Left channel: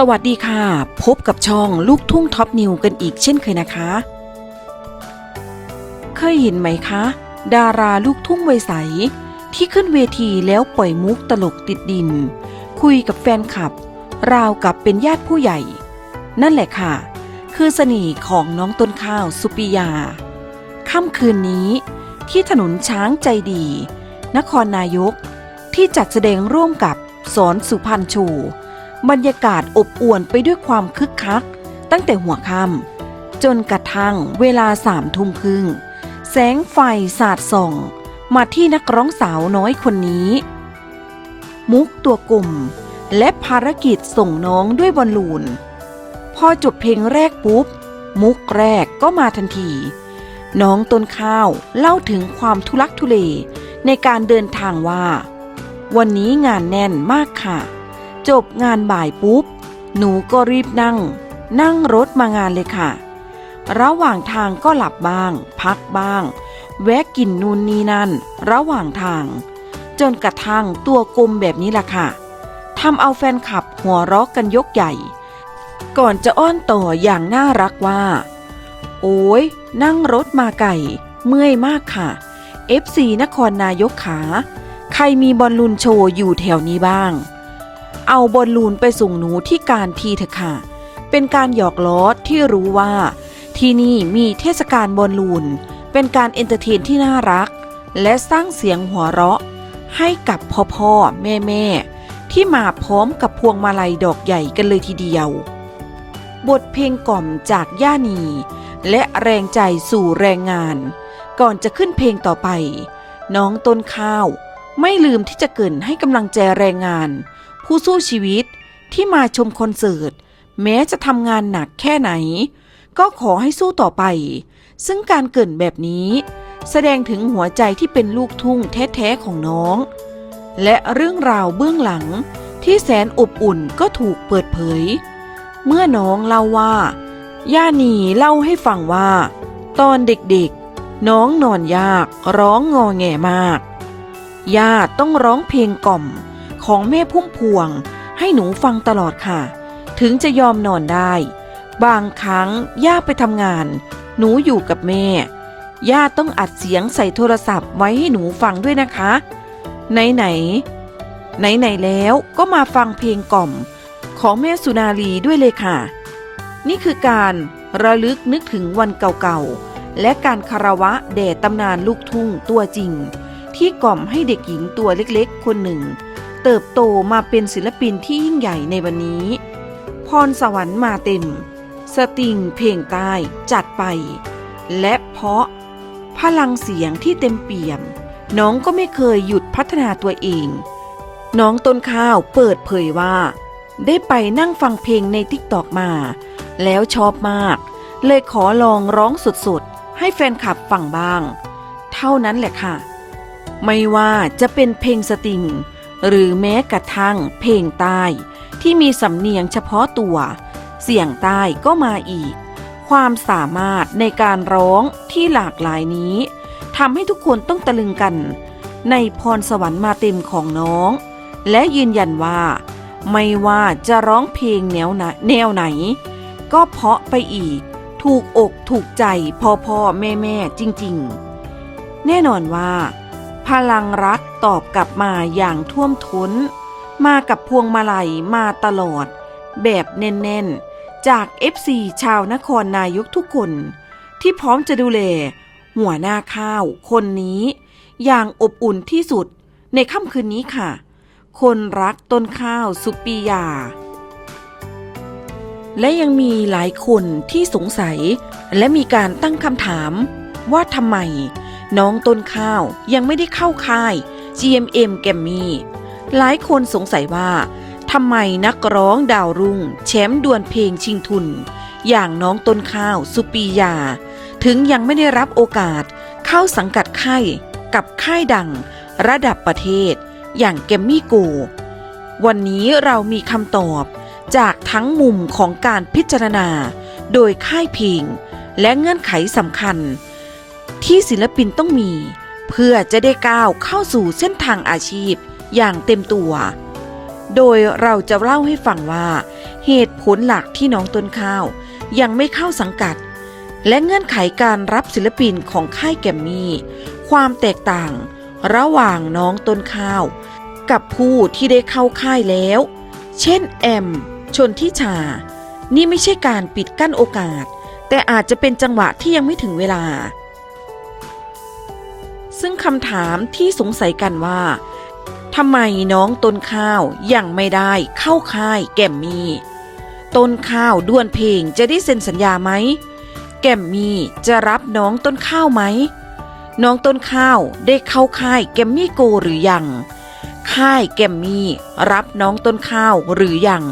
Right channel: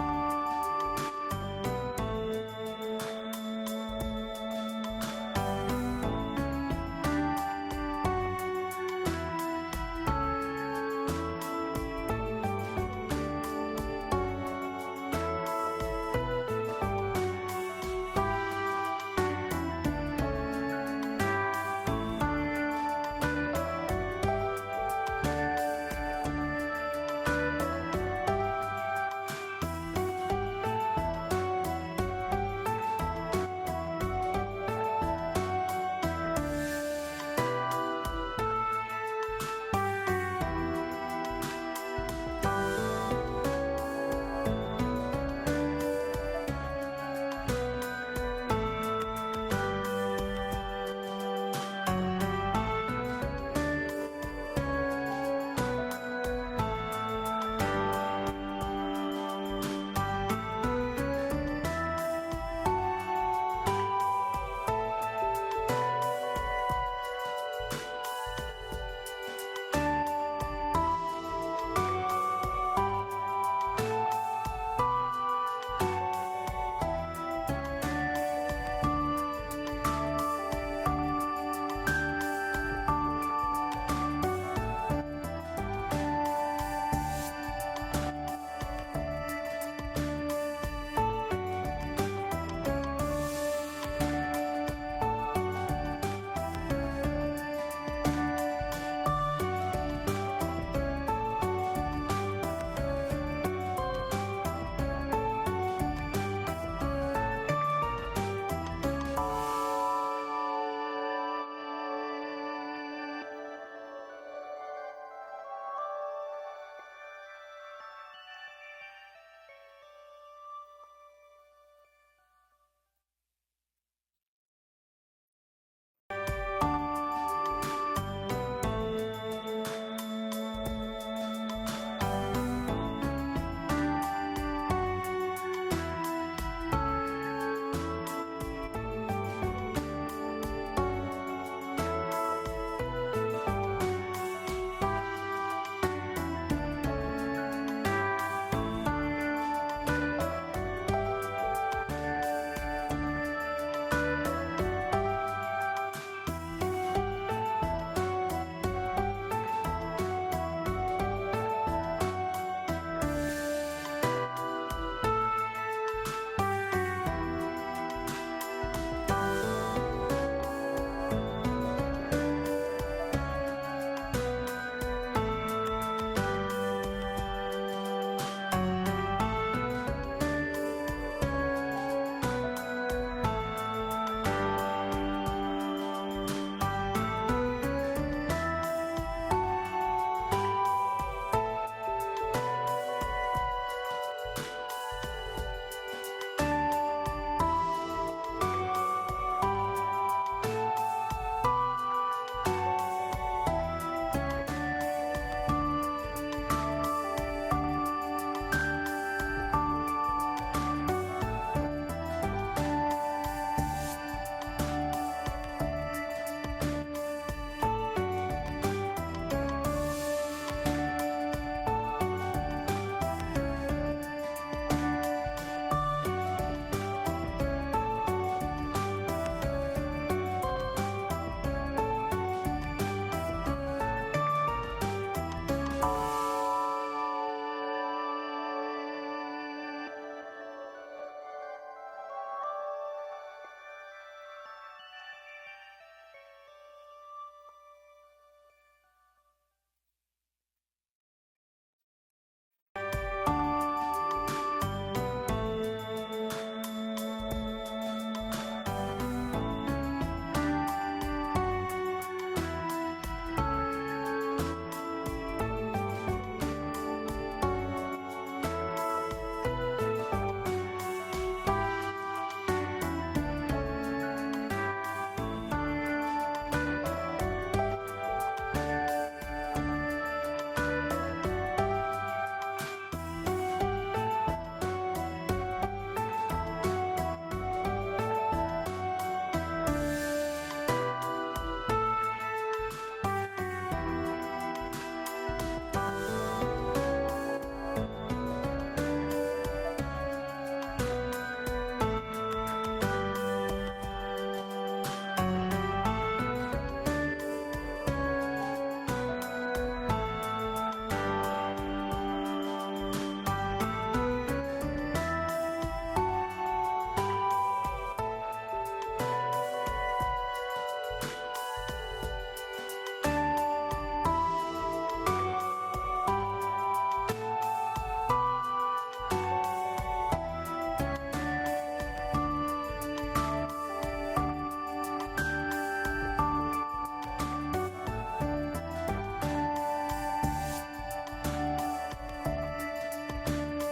สวัสดีค่ะ พบกับช่องลูกทุ่งท็อปนิวกันอีกเช่นเคยนะคะ เคยเห็นไหมคะ ดาราลูกทุ่งวัยใส ที่ขึ้นเวทีแล้วปล่อยมุกตลกติดดิน คุยกับแฟนคลับ ราวกับเป็นญาติผู้ใหญ่ นั่นแหละค่ะ คือเสน่ห์ของน้องต้นข้าวสุปิยา ค่ำคืนนี้ที่ถนนช้างใจดี นครนายกที่จัดแสดงร่วมกับสอนสุพรรณชู บรรยากาศอบอวลไปด้วยความคึกคัก ตั้งแต่หัวค่ำจนกระทั่งเวลาสามทุ่มครึ่ง แสงไฟสาดส่อง มาที่นักร้องสาวน้อยคนนี้ มุกตัวกลุ่ม และภารกิจส่งน้องด้วยบอลลูน พอจบเพลงแรกปุ๊บ มุกแรกก็มาทันที น้องต้นข้าวเล่าถึงความทุลักทุเลในการเดินทางว่า วันนี้งานแน่นมากค่ะ จบงานบ่ายปุ๊บ หนูก็รีบนั่ง นั่งรถมางานเลยค่ะ ระหว่างทางก็หลับบ้าง พักบ้าง แวะกินนู่นนี่นั่น ระหว่างทาง จนกระทั่งตัวกลมแบบนี้ล่ะค่ะทำเอาแฟนคลับหัวเราะกันยกใหญ่ ก่อนจะอ้อนต่ออย่างน่ารักว่า โอ้ยนั่งรถมาไก่ เมื่อยมากค่ะ FC นครนายกขา ใครมีบอลลูนโชว์อยู่แถวนี้บ้าง เอาบอลลูนไปส่งหนูที่การทีเถอะค่ะ เป็นการหยอกล้อที่รู้ว่า ที่นี่มีเทศกาลบอลลูน เป็นการเอนเตอร์เทนที่น่ารัก และสร้างเสียงหัวเราะ ให้กับพ่อพ่อแม่แม่ที่มาพร้อมกับพวงมาลัยดอกใหญ่กันเลยทีเดียว บทเพลงกล่อมจากย่านี และแรงใจสู่แรงงาน ก่อนจะขึ้นเพลงต่อไป น้องต้นข้าว ไม่ลืมที่จะเกินให้กำลังใจแรงงาน ผู้สู้ชีวิตที่มาชมคอนเสิร์ต แม้จะทำงานหนักแค่ไหน ก็ขอให้สู้ต่อไป ซึ่งการเกินแบบนี้ แสดงถึงหัวใจที่เป็นลูกทุ่งแท้ๆของน้อง และเรื่องราวเบื้องหลังที่แสนอบอุ่นก็ถูกเปิดเผย เมื่อน้องเล่าว่า ย่านีเล่าให้ฟังว่า ตอนเด็กๆ น้องนอนยากร้องงอแงมาก ย่าต้องร้องเพลงกล่อม ของแม่พุ่มพวง ให้หนูฟังตลอดค่ะ ถึงจะยอมนอนได้ บางครั้งย่าไปทำงาน หนูอยู่กับแม่ ย่าต้องอัดเสียงใส่โทรศัพท์ไว้ให้หนูฟังด้วยนะคะ ไหนไหน ไหนไหนแล้วก็มาฟังเพลงกล่อม ของแม่สุนารีด้วยเลยค่ะ นี่คือการระลึกนึกถึงวันเก่าๆ และการคารวะแด่ตำนานลูกทุ่งตัวจริง ที่กล่อมให้เด็กหญิงตัวเล็กๆ คนหนึ่ง เติบโตมาเป็นศิลปินที่ยิ่งใหญ่ในวันนี้ พรสวรรค์มาเต็ม สตริงเพลงใต้จัดไป และเพราะ พลังเสียงที่เต็มเปี่ยม น้องก็ไม่เคยหยุดพัฒนาตัวเอง น้องต้นข้าวเปิดเผยว่า ได้ไปนั่งฟังเพลงในทิกตอกมา แล้วชอบมาก เลยขอลองร้องสดๆ ให้แฟนคลับฟังบ้าง เท่านั้นแหละค่ะ ไม่ว่าจะเป็นเพลงสตริง หรือแม้กระทั่งเพลงใต้ที่มีสำเนียงเฉพาะตัว เสียงใต้ก็มาอีก ความสามารถในการร้องที่หลากหลายนี้ทำให้ทุกคนต้องตะลึงกัน ในพรสวรรค์มาเต็มของน้อง และยืนยันว่า ไม่ว่าจะร้องเพลงแนวไหนแนวไหน ก็เพาะไปอีก ถูกอกถูกใจพ่อพ่อแม่แม่จริง ๆ แน่นอนว่า พลังรักตอบกลับมาอย่างท่วมท้น มากับพวงมาลัยมาตลอด แบบแน่นๆ จาก FC ชาวนครนายกทุกคน ที่พร้อมจะดูแล หัวหน้าข้าวคนนี้ อย่างอบอุ่นที่สุดในค่ำคืนนี้ค่ะ คนรักต้นข้าวสุปียา และยังมีหลายคนที่สงสัย และมีการตั้งคำถามว่าทำไม น้องต้นข้าวยังไม่ได้เข้าค่าย GMM แกมมี่หลายคนสงสัยว่าทำไมนักร้องดาวรุ่งแชมป์ดวลเพลงชิงทุน อย่างน้องต้นข้าวสุปียา ถึงยังไม่ได้รับโอกาสเข้าสังกัดค่ายกับค่ายดังระดับประเทศ อย่างแกมมี่โกวันนี้เรามีคำตอบจากทั้งมุมของการพิจารณา โดยค่ายเพลงและเงื่อนไขสำคัญ ที่ศิลปินต้องมี เพื่อจะได้ก้าวเข้าสู่เส้นทางอาชีพอย่างเต็มตัว โดยเราจะเล่าให้ฟังว่า เหตุผลหลักที่น้องต้นข้าว ยังไม่เข้าสังกัด และเงื่อนไขการรับศิลปินของค่ายแกมมี่ ความแตกต่าง ระหว่างน้องต้นข้าว กับผู้ที่ได้เข้าค่ายแล้ว เช่นแอม ชนทิชา นี่ไม่ใช่การปิดกั้นโอกาส แต่อาจจะเป็นจังหวะที่ยังไม่ถึงเวลา ซึ่งคำถามที่สงสัยกันว่าทำไมน้องต้นข้าวยังไม่ได้เข้าค่ายแกมมี่ต้นข้าวด้วนเพลงจะได้เซ็นสัญญาไหมแกมมี่จะรับน้องต้นข้าวไหมน้องต้นข้าวได้เข้าค่ายแกมมี่โกหรือยัง ค่ายแกมมี่รับน้องต้นข้าวหรือยัง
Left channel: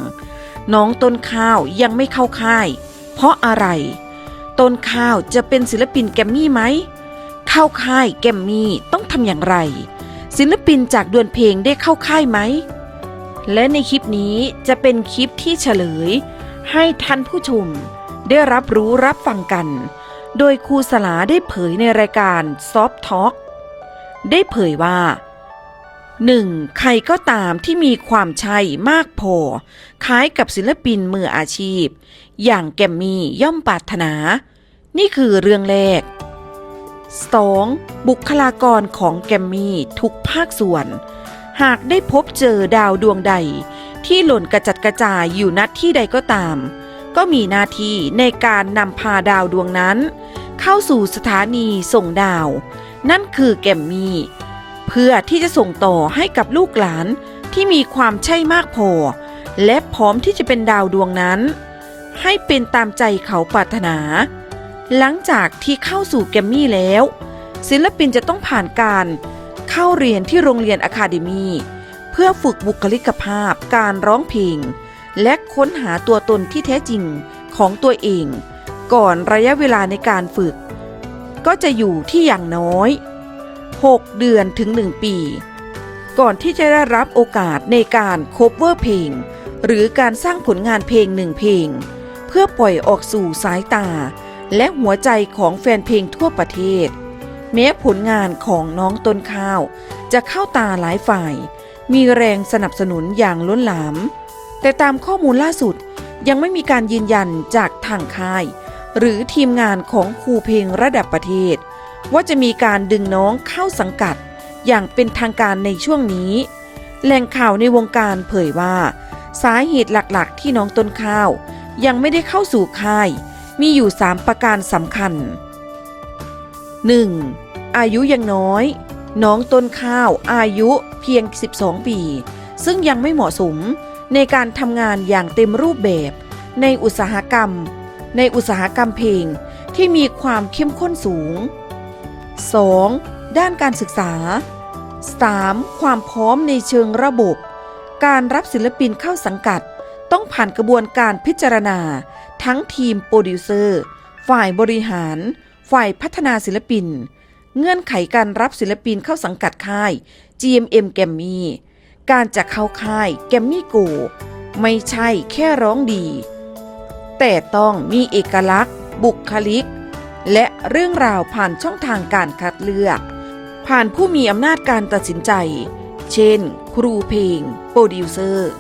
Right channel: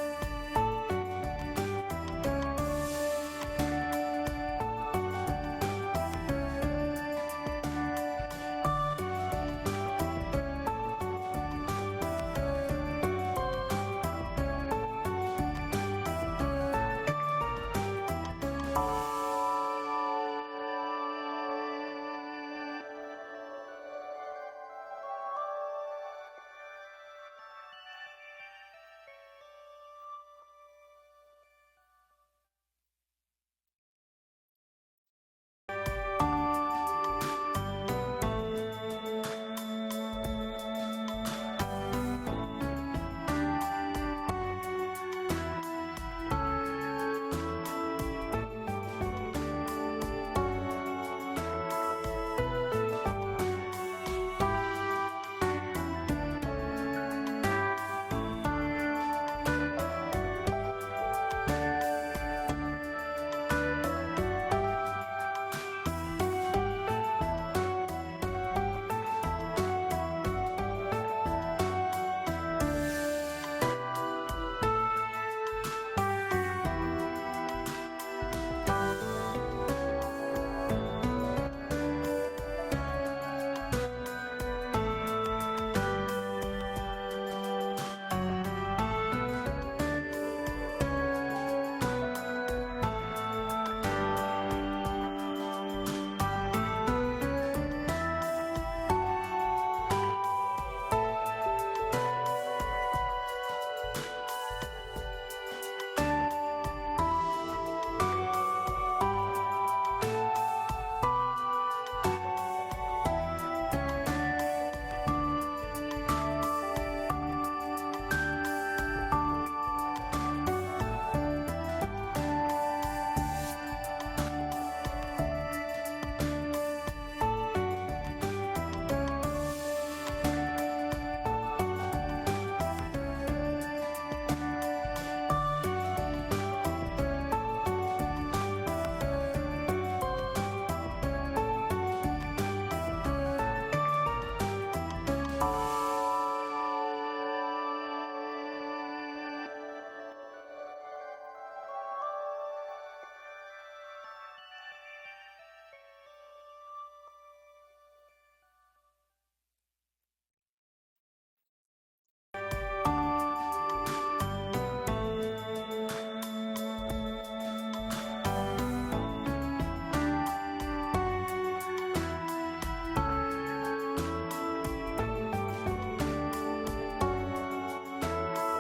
น้องต้นข้าวยังไม่เข้าค่าย เพราะอะไร ต้นข้าวจะเป็นศิลปินแกมมี่ไหม เข้าค่ายแกมมี่ต้องทำอย่างไร ศิลปินจากดวลเพลงได้เข้าค่ายไหม และในคลิปนี้จะเป็นคลิปที่เฉลย ให้ท่านผู้ชมได้รับรู้รับฟังกัน โดยครูสลาได้เผยในรายการ Soft Talk ได้เผยว่า 1. ใครก็ตามที่มีความใช่มากพอ คล้ายกับศิลปินมืออาชีพ อย่างแกมมี่ย่อมปรารถนา นี่คือเรื่องแรก 2. บุคลากรของแกมมี่ทุกภาคส่วน หากได้พบเจอดาวดวงใด ที่หล่นกระจัดกระจายอยู่ณที่ใดก็ตาม ก็มีหน้าที่ในการนำพาดาวดวงนั้น เข้าสู่สถานีส่งดาว นั่นคือแกมมี่ เพื่อที่จะส่งต่อให้กับลูกหลานที่มีความใช่มากพอ และพร้อมที่จะเป็นดาวดวงนั้น ให้เป็นตามใจเขาปรารถนา หลังจากที่เข้าสู่แกรมมี่แล้ว ศิลปินจะต้องผ่านการเข้าเรียนที่โรงเรียนอะคาเดมีเพื่อฝึกบุคลิกภาพการร้องเพลง และค้นหาตัวตนที่แท้จริงของตัวเอง ก่อนระยะเวลาในการฝึก ก็จะอยู่ที่อย่างน้อย 6 เดือนถึง 1 ปี ก่อนที่จะได้รับโอกาสในการโคเวอร์เพลง หรือการสร้างผลงานเพลงหนึ่งเพลง เพื่อปล่อยออกสู่สายตา และหัวใจของแฟนเพลงทั่วประเทศ แม้ผลงานของน้องต้นข้าว จะเข้าตาหลายฝ่าย มีแรงสนับสนุนอย่างล้นหลาม แต่ตามข้อมูลล่าสุดยังไม่มีการยืนยันจากทางค่าย หรือทีมงานของครูเพลงระดับประเทศ ว่าจะมีการดึงน้องเข้าสังกัด อย่างเป็นทางการในช่วงนี้ แหล่งข่าวในวงการเผยว่า สาเหตุหลักๆ ที่น้องต้นข้าว ยังไม่ได้เข้าสู่ค่าย มีอยู่ 3 ประการสำคัญ 1. อายุยังน้อย น้องต้นข้าวอายุเพียง 12 ปี ซึ่งยังไม่เหมาะสมในการทำงานอย่างเต็มรูปแบบ ในอุตสาหกรรม ในอุตสาหกรรมเพลงที่มีความเข้มข้นสูง 2. ด้านการศึกษา 3. ความพร้อมในเชิงระบบ การรับศิลปินเข้าสังกัด ต้องผ่านกระบวนการพิจารณา ทั้งทีมโปรดิวเซอร์ ฝ่ายบริหาร ฝ่ายพัฒนาศิลปิน เงื่อนไขการรับศิลปินเข้าสังกัดค่าย GMM แกมมี่การจะเข้าค่ายแกมมี่โกไม่ใช่แค่ร้องดี แต่ต้องมีเอกลักษณ์ บุคลิก และเรื่องราวผ่านช่องทางการคัดเลือก ผ่านผู้มีอำนาจการตัดสินใจ เช่น ครูเพลง โปรดิวเซอร์